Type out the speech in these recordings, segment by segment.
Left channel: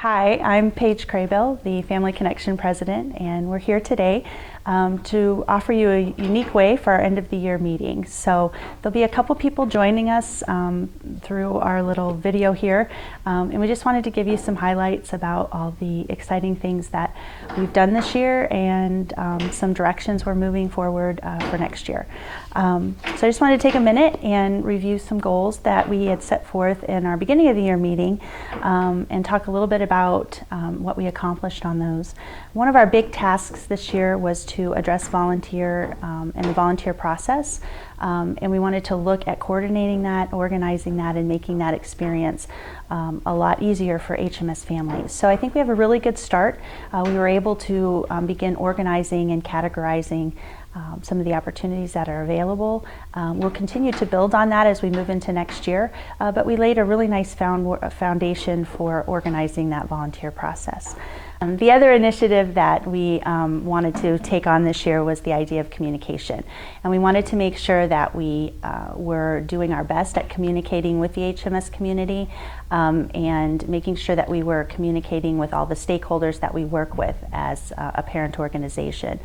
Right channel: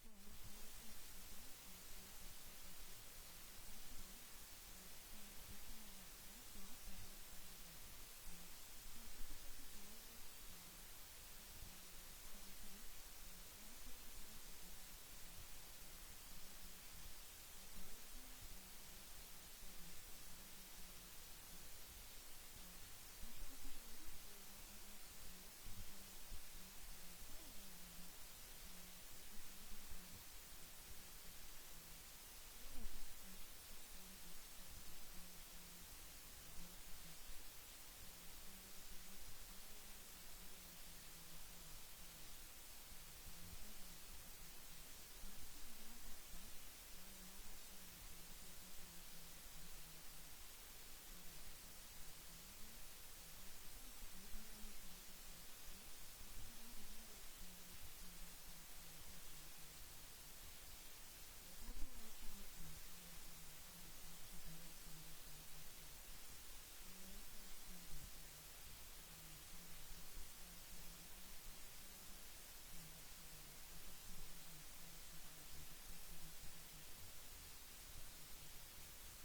Hi, I'm Paige Craybill, the Family Connection President, and we're here today to offer you a unique way for our end of the year meeting. So there'll be a couple people joining us through our little video here, and we just wanted to give you some highlights about all the exciting things that we've done this year and some directions we're moving forward for next year. So I just wanted to take a minute and review some goals that we had set forth in our beginning of the year meeting and talk a little bit about what we accomplished on those. One of our big tasks this year was to address volunteer and the volunteer process, and we wanted to look at coordinating that, organizing that, and making that experience a lot easier for HMS families. So I think we have a really good start. We were able to begin organizing and categorizing some of the opportunities that are available. We'll continue to build on that as we move into next year, but we laid a really nice foundation for organizing that volunteer process. The other initiative that we wanted to take on this year was the idea of communication. And we wanted to make sure that we were doing our best at communicating with the HMS community and making sure that we were communicating with all the stakeholders that we work with as a parent organization.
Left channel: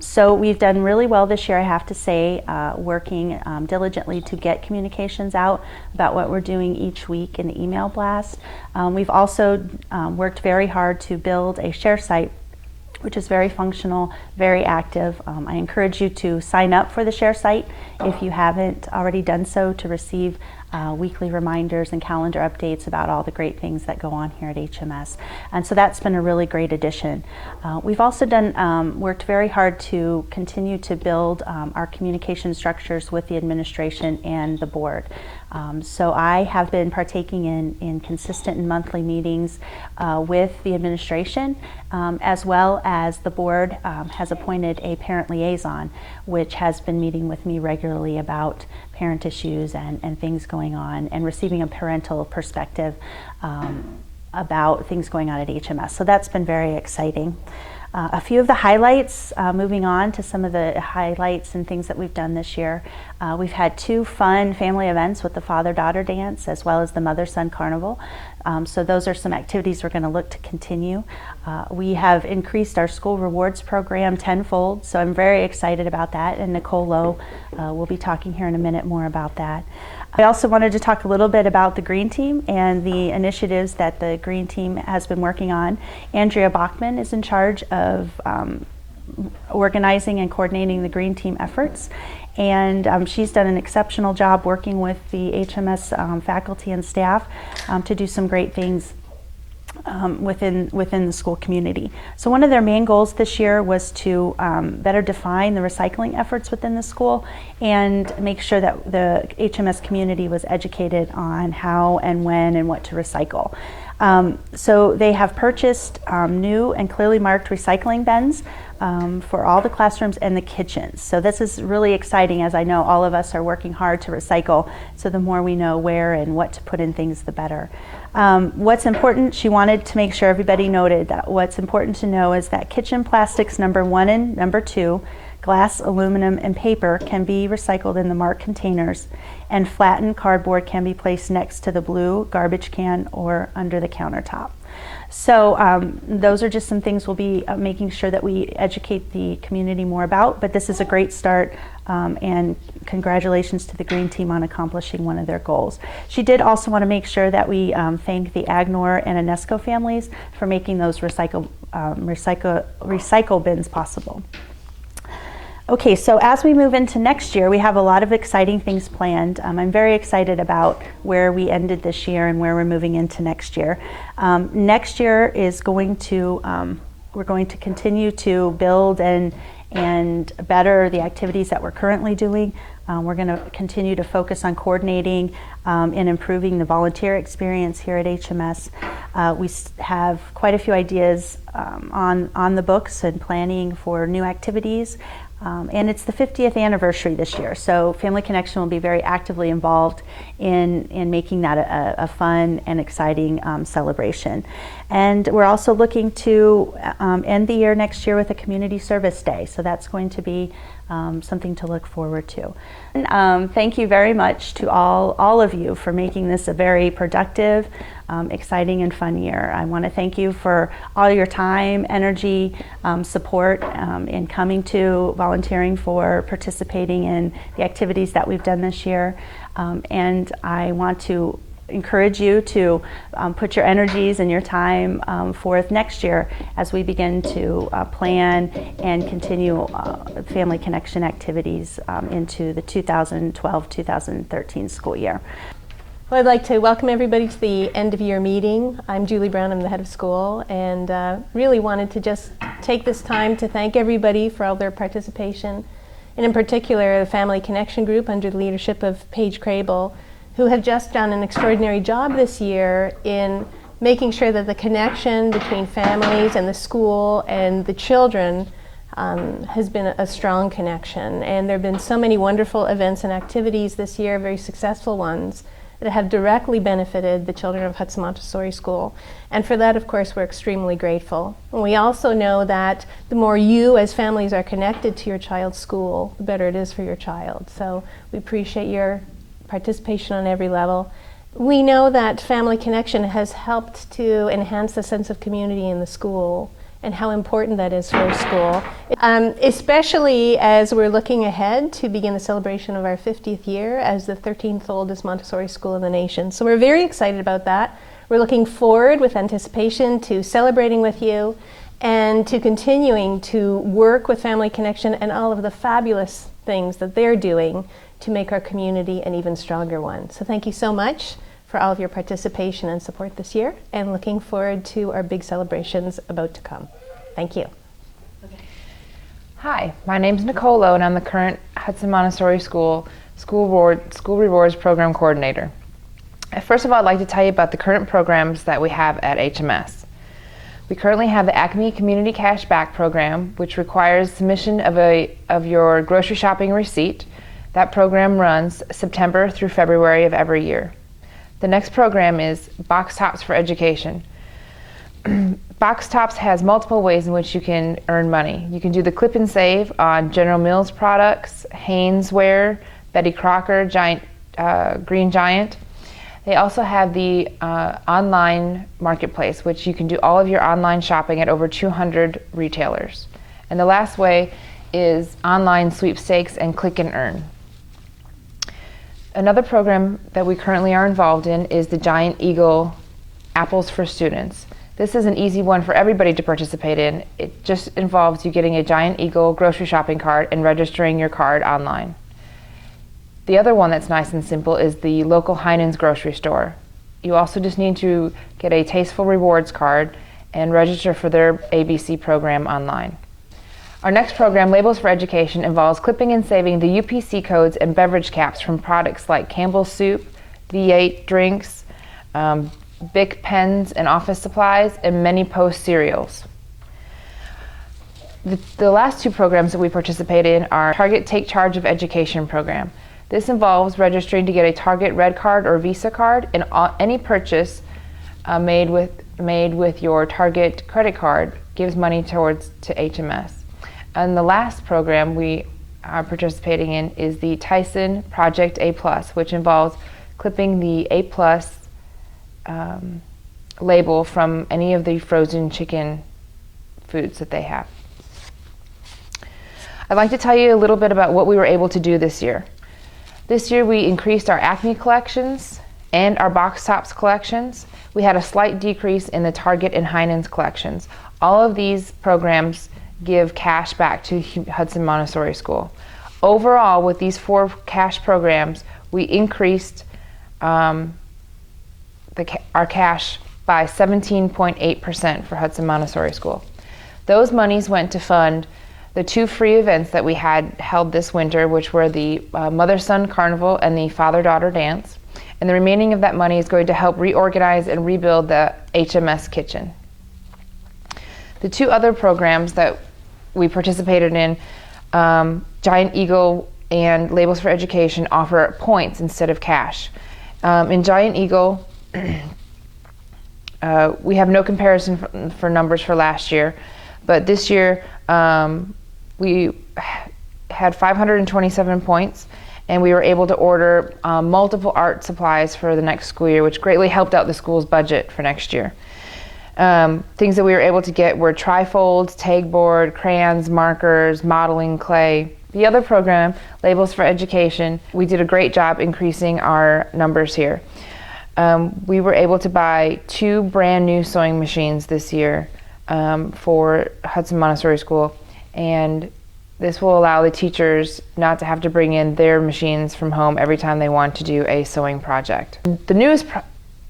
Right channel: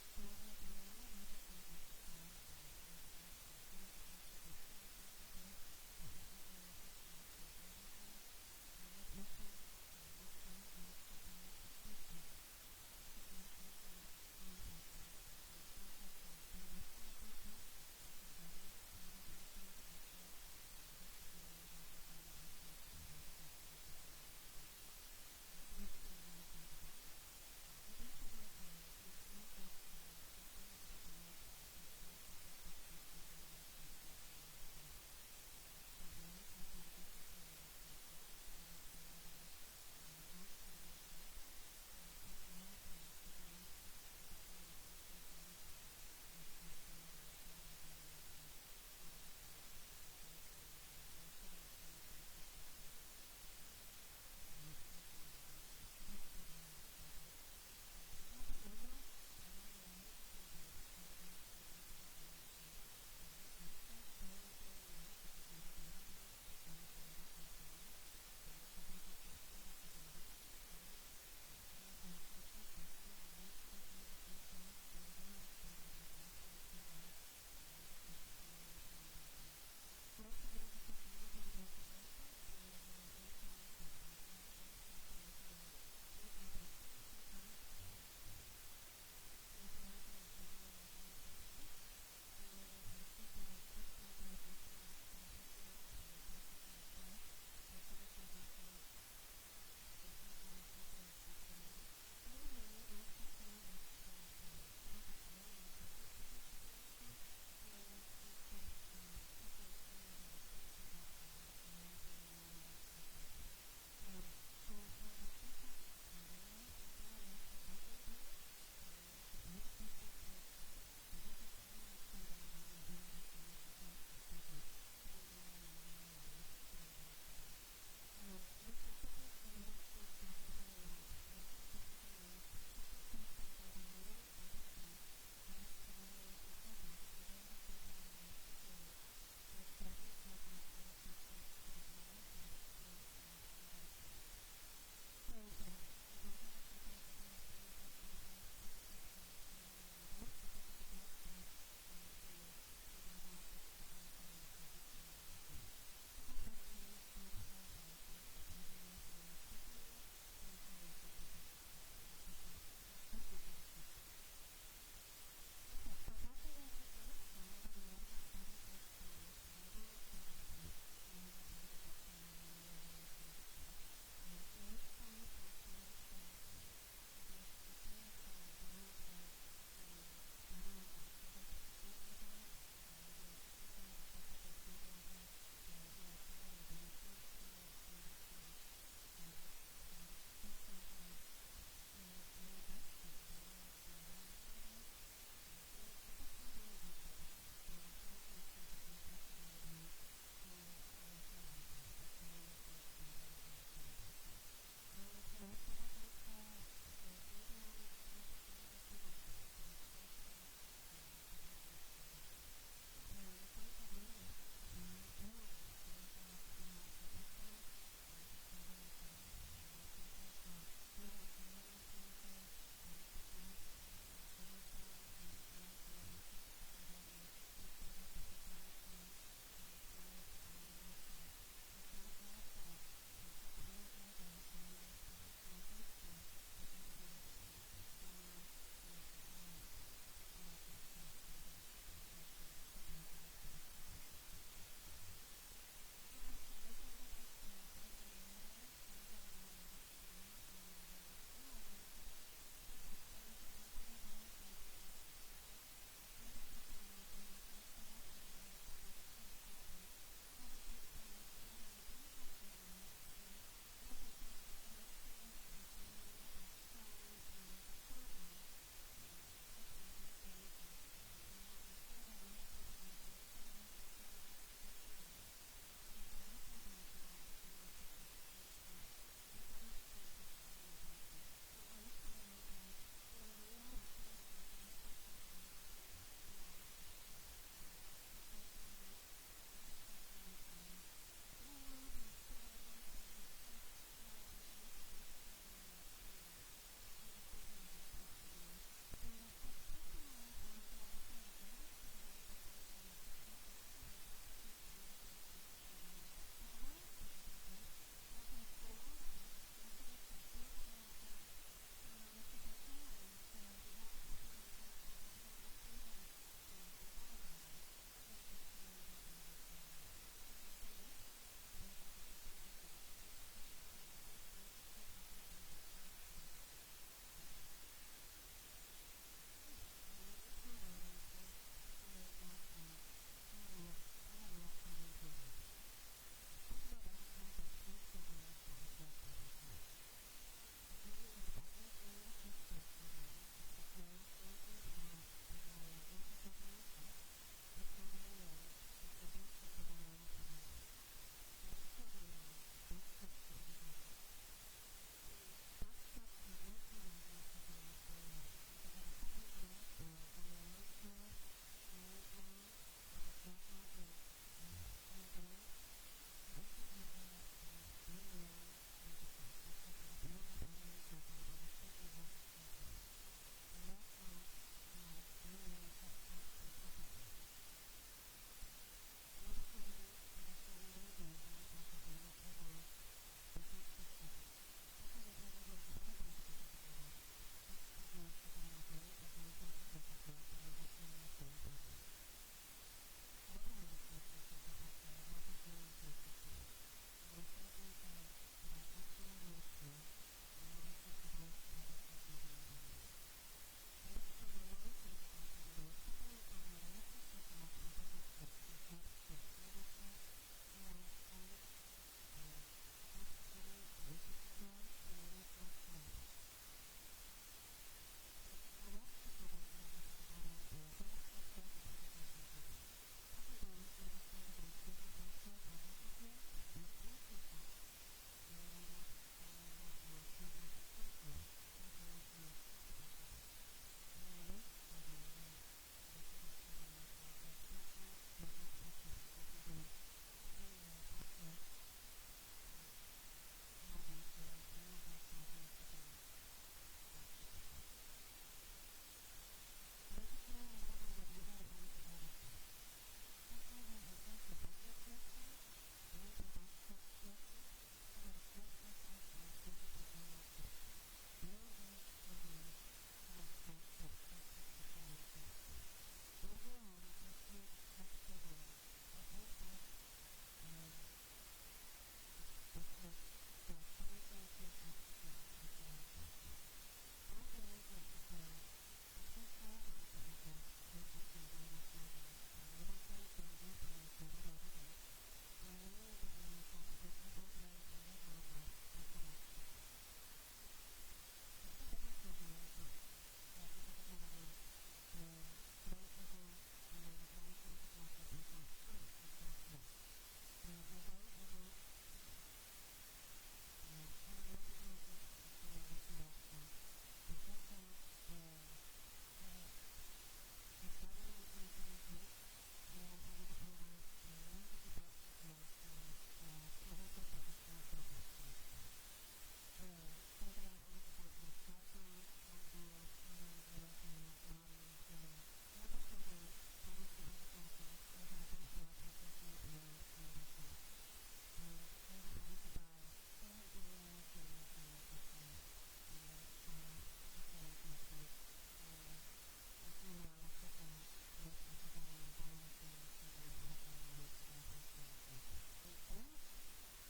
So we've done really well this year, I have to say, working diligently to get communications out about what we're doing each week in the email blast. We've also worked very hard to build a share site, which is very functional, very active. I encourage you to sign up for the share site if you haven't already done so, to receive weekly reminders and calendar updates about all the great things that go on here at HMS. And so that's been a really great addition. We've also worked very hard to continue to build our communication structures with the administration and the board. So I have been partaking in consistent and monthly meetings with the administration, as well as the board has appointed a parent liaison, which has been meeting with me regularly about parent issues and things going on, and receiving a parental perspective about things going on at HMS. So that's been very exciting. A few of the highlights, moving on to some of the highlights and things that we've done this year. We've had 2 fun family events with the father-daughter dance as well as the mother-son carnival. So those are some activities we're going to look to continue. We have increased our school rewards program tenfold, so I'm very excited about that, and Nicole Lowe will be talking here in a minute more about that. I also wanted to talk a little bit about the Green Team and the initiatives that the Green Team has been working on. Andrea Bachman is in charge of organizing and coordinating the Green Team efforts, and she's done an exceptional job working with the HMS faculty and staff to do some great things within the school community. So one of their main goals this year was to better define the recycling efforts within the school and make sure that the HMS community was educated on how and when and what to recycle. So they have purchased new and clearly marked recycling bins for all the classrooms and the kitchens. So this is really exciting, as I know all of us are working hard to recycle, so the more we know where and what to put in things, the better. What's important, she wanted to make sure everybody noted that what's important to know is that kitchen plastics number 1 and number 2, glass, aluminum, and paper can be recycled in the marked containers, and flattened cardboard can be placed next to the blue garbage can or under the countertop. So those are just some things we'll be making sure that we educate the community more about, but this is a great start, and congratulations to the Green Team on accomplishing one of their goals. She did also want to make sure that we thank the Agnor and Inesco families for making those recycle bins possible. Okay, so as we move into next year, we have a lot of exciting things planned. I'm very excited about where we ended this year and where we're moving into next year. Next year is going to, we're going to continue to build and better the activities that we're currently doing. We're going to continue to focus on coordinating and improving the volunteer experience here at HMS. We have quite a few ideas on the books and planning for new activities. And it's the 50th anniversary this year, so Family Connection will be very actively involved in making that a fun and exciting celebration. And we're also looking to end the year next year with a community service day, so that's going to be something to look forward to. And, thank you very much to all of you for making this a very productive, exciting and fun year. I want to thank you for all your time, energy, support in coming to, volunteering for, participating in the activities that we've done this year. And I want to encourage you to put your energies and your time forth next year as we begin to plan and continue family connection activities into the 2012-2013 school year. Well, I'd like to welcome everybody to the end of year meeting. I'm Julie Brown, I'm the head of school, and really wanted to just take this time to thank everybody for all their participation, and in particular the Family Connection Group under the leadership of Paige Crable, who have just done an extraordinary job this year in making sure that the connection between families and the school and the children has been a strong connection. And there have been so many wonderful events and activities this year, very successful ones, that have directly benefited the children of Hudson Montessori School. And for that, of course, we're extremely grateful. And we also know that the more you as families are connected to your child's school, the better it is for your child. So we appreciate your participation on every level. We know that Family Connection has helped to enhance the sense of community in the school and how important that is for a school, especially as we're looking ahead to begin the celebration of our 50th year as the 13th oldest Montessori school in the nation. So we're very excited about that. We're looking forward with anticipation to celebrating with you and to continuing to work with Family Connection and all of the fabulous things that they're doing to make our community an even stronger one. So thank you so much for all of your participation and support this year, and looking forward to our big celebrations about to come. Thank you. Hi, my name's Nicole Lowe, and I'm the current Hudson Montessori School Rewards Program Coordinator. First of all, I'd like to tell you about the current programs that we have at HMS. We currently have the Acme Community Cash Back Program, which requires submission of your grocery shopping receipt. That program runs September through February of every year. The next program is Box Tops for Education. Box Tops has multiple ways in which you can earn money. You can do the clip and save on General Mills products, Hainesware, Betty Crocker, Green Giant. They also have the online marketplace, which you can do all of your online shopping at over 200 retailers. And the last way is online sweepstakes and click and earn. Another program that we currently are involved in is the Giant Eagle Apples for Students. This is an easy one for everybody to participate in. It just involves you getting a Giant Eagle grocery shopping cart and registering your card online. The other one that's nice and simple is the local Heinen's grocery store. You also just need to get a Tasteful Rewards card and register for their ABC program online. Our next program, Labels for Education, involves clipping and saving the UPC codes and beverage caps from products like Campbell's Soup, V8 drinks, Bic pens and office supplies, and many Post cereals. The last two programs that we participate in are Target Take Charge of Education program. This involves registering to get a Target Red Card or Visa card, and any purchase made with your Target credit card gives money to HMS. And the last program we are participating in is the Tyson Project A+, which involves clipping the A+ label from any of the frozen chicken foods that they have. I'd like to tell you a little bit about what we were able to do this year. This year we increased our Acme collections and our Box Tops collections. We had a slight decrease in the Target and Heinen's collections. All of these programs give cash back to Hudson Montessori School. Overall, with these 4 cash programs, we increased our cash by 17.8% for Hudson Montessori School. Those monies went to fund the 2 free events that we had held this winter, which were the Mother-Son Carnival and the Father-Daughter Dance. And the remaining of that money is going to help reorganize and rebuild the HMS kitchen. The 2 other programs that we participated in, Giant Eagle and Labels for Education, offer points instead of cash. In Giant Eagle, we have no comparison for numbers for last year, but this year we had 527 points, and we were able to order multiple art supplies for the next school year, which greatly helped out the school's budget for next year. Things that we were able to get were trifolds, tag board, crayons, markers, modeling clay. The other program, Labels for Education, we did a great job increasing our numbers here. We were able to buy 2 brand new sewing machines this year for Hudson Montessori School, and this will allow the teachers not to have to bring in their machines from home every time they want to do a sewing project. The newest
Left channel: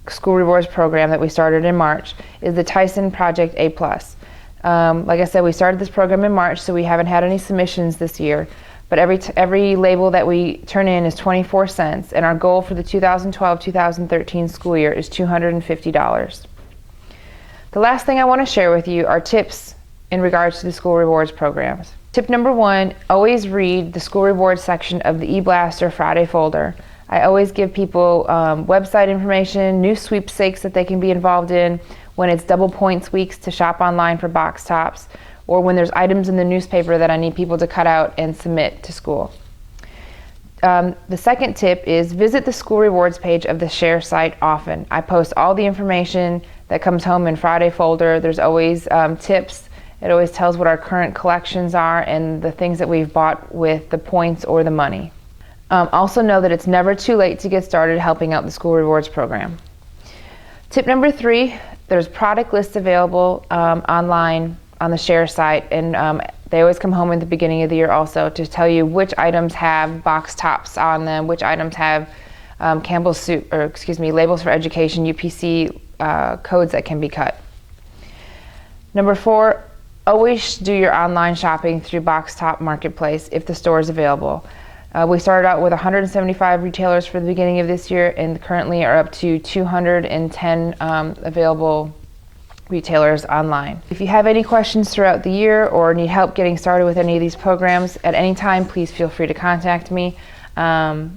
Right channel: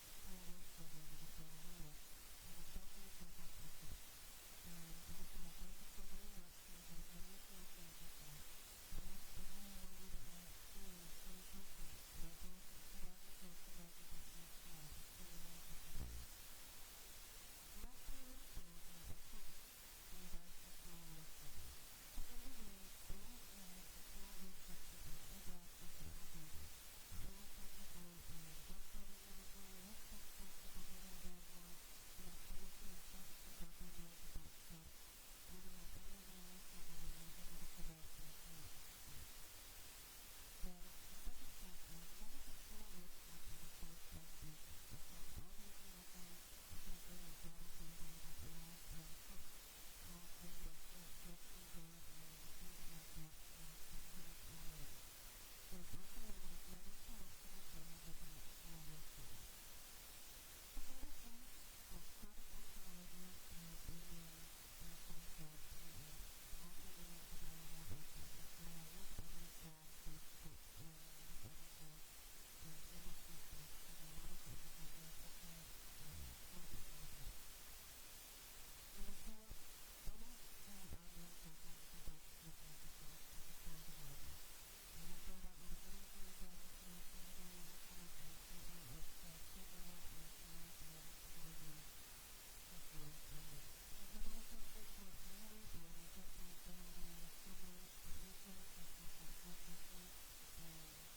School Rewards program that we started in March is the Tyson Project A+. Like I said, we started this program in March, so we haven't had any submissions this year, but every label that we turn in is 24 cents, and our goal for the 2012-2013 school year is $250. The last thing I want to share with you are tips in regards to the School Rewards programs. Tip number 1, always read the School Rewards section of the eBlaster Friday folder. I always give people website information, new sweepstakes that they can be involved in, when it's double points weeks to shop online for box tops, or when there's items in the newspaper that I need people to cut out and submit to school. The second tip is visit the School Rewards page of the Share site often. I post all the information that comes home in Friday folder. There's always tips. It always tells what our current collections are and the things that we've bought with the points or the money. Also know that it's never too late to get started helping out the School Rewards program. Tip number 3, there's product lists available online on the Share site, and they always come home at the beginning of the year also to tell you which items have box tops on them, which items have Labels for Education, UPC codes that can be cut. Number 4, always do your online shopping through Box Top Marketplace if the store is available. We started out with 175 retailers for the beginning of this year, and currently are up to 210 available retailers online. If you have any questions throughout the year or need help getting started with any of these programs at any time, please feel free to contact me. My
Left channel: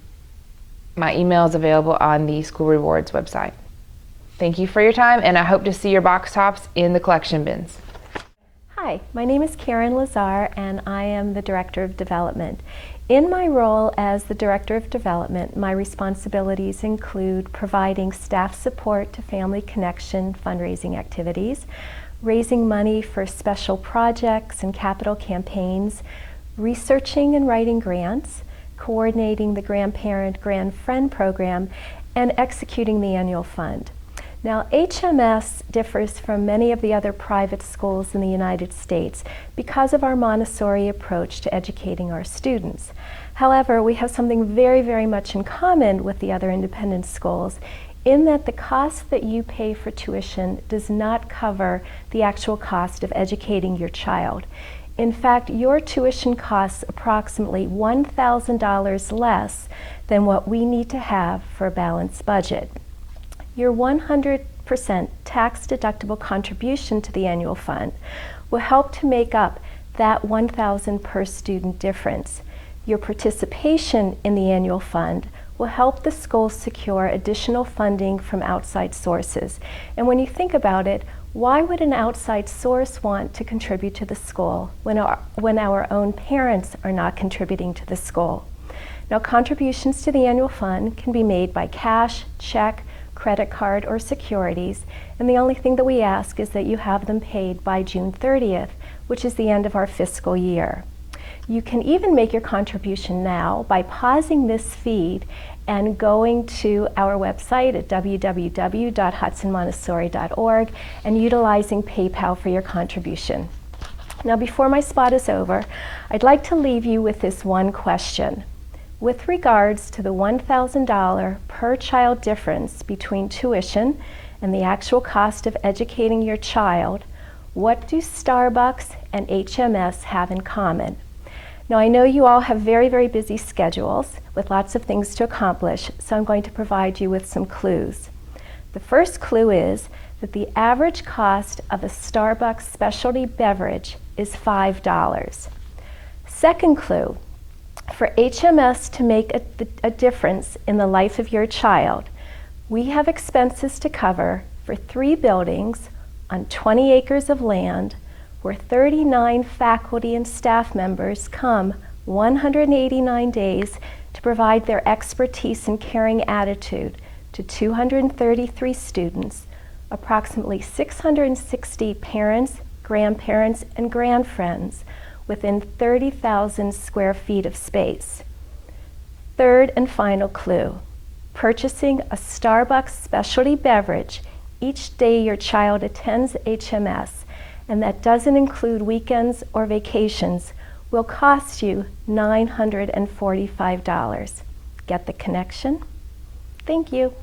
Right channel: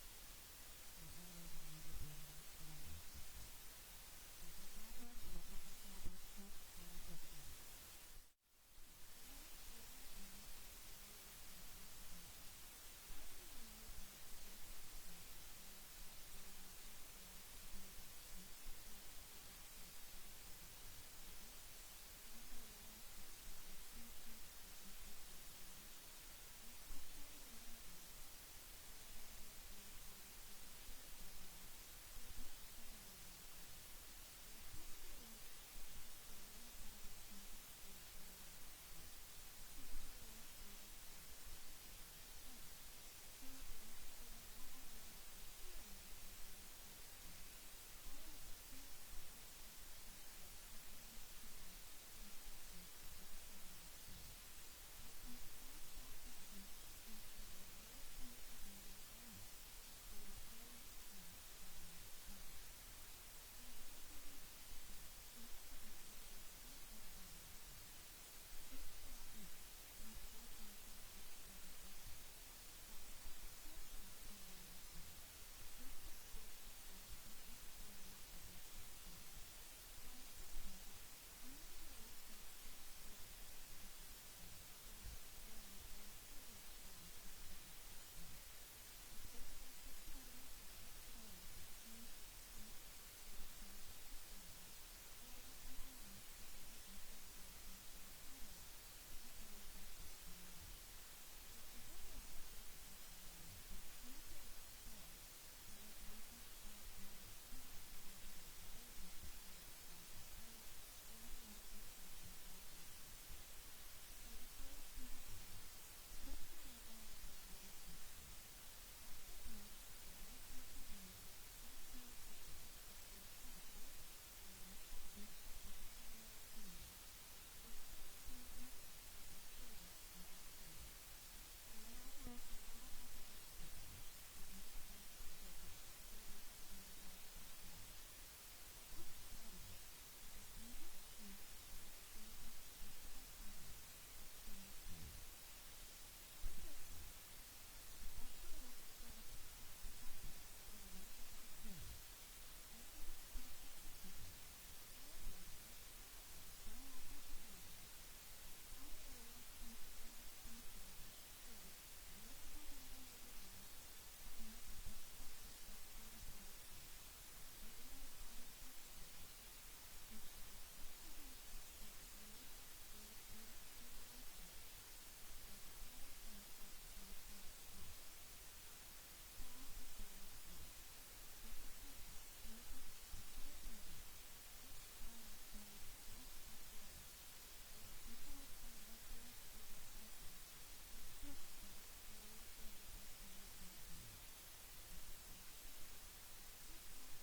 email is available on the School Rewards website. Thank you for your time, and I hope to see your box tops in the collection bins. Hi, my name is Karen Lazar, and I am the Director of Development. In my role as the Director of Development, my responsibilities include providing staff support to Family Connection fundraising activities, raising money for special projects and capital campaigns, researching and writing grants, coordinating the Grandparent-Grand Friend program, and executing the annual fund. Now, HMS differs from many of the other private schools in the United States because of our Montessori approach to educating our students. However, we have something very, very much in common with the other independent schools in that the cost that you pay for tuition does not cover the actual cost of educating your child. In fact, your tuition costs approximately $1,000 less than what we need to have for a balanced budget. Your 100% tax-deductible contribution to the annual fund will help to make up that $1,000 per student difference. Your participation in the annual fund will help the school secure additional funding from outside sources. And when you think about it, why would an outside source want to contribute to the school when our own parents are not contributing to the school? Now, contributions to the annual fund can be made by cash, check, credit card, or securities, and the only thing that we ask is that you have them paid by June 30th, which is the end of our fiscal year. You can even make your contribution now by pausing this feed and going to our website at www.hudsonmontessori.org and utilizing PayPal for your contribution. Now, before my spot is over, I'd like to leave you with this one question. With regards to the $1,000 per child difference between tuition and the actual cost of educating your child, what do Starbucks and HMS have in common? Now, I know you all have very, very busy schedules with lots of things to accomplish, so I'm going to provide you with some clues. The first clue is that the average cost of a Starbucks specialty beverage is $5. Second clue, for HMS to make a difference in the life of your child, we have expenses to cover for 3 buildings on 20 acres of land where 39 faculty and staff members come 189 days to provide their expertise and caring attitude to 233 students, approximately 660 parents, grandparents, and grandfriends within 30,000 square feet of space. Third and final clue, purchasing a Starbucks specialty beverage each day your child attends HMS, and that doesn't include weekends or vacations, will cost you $945. Get the connection? Thank you.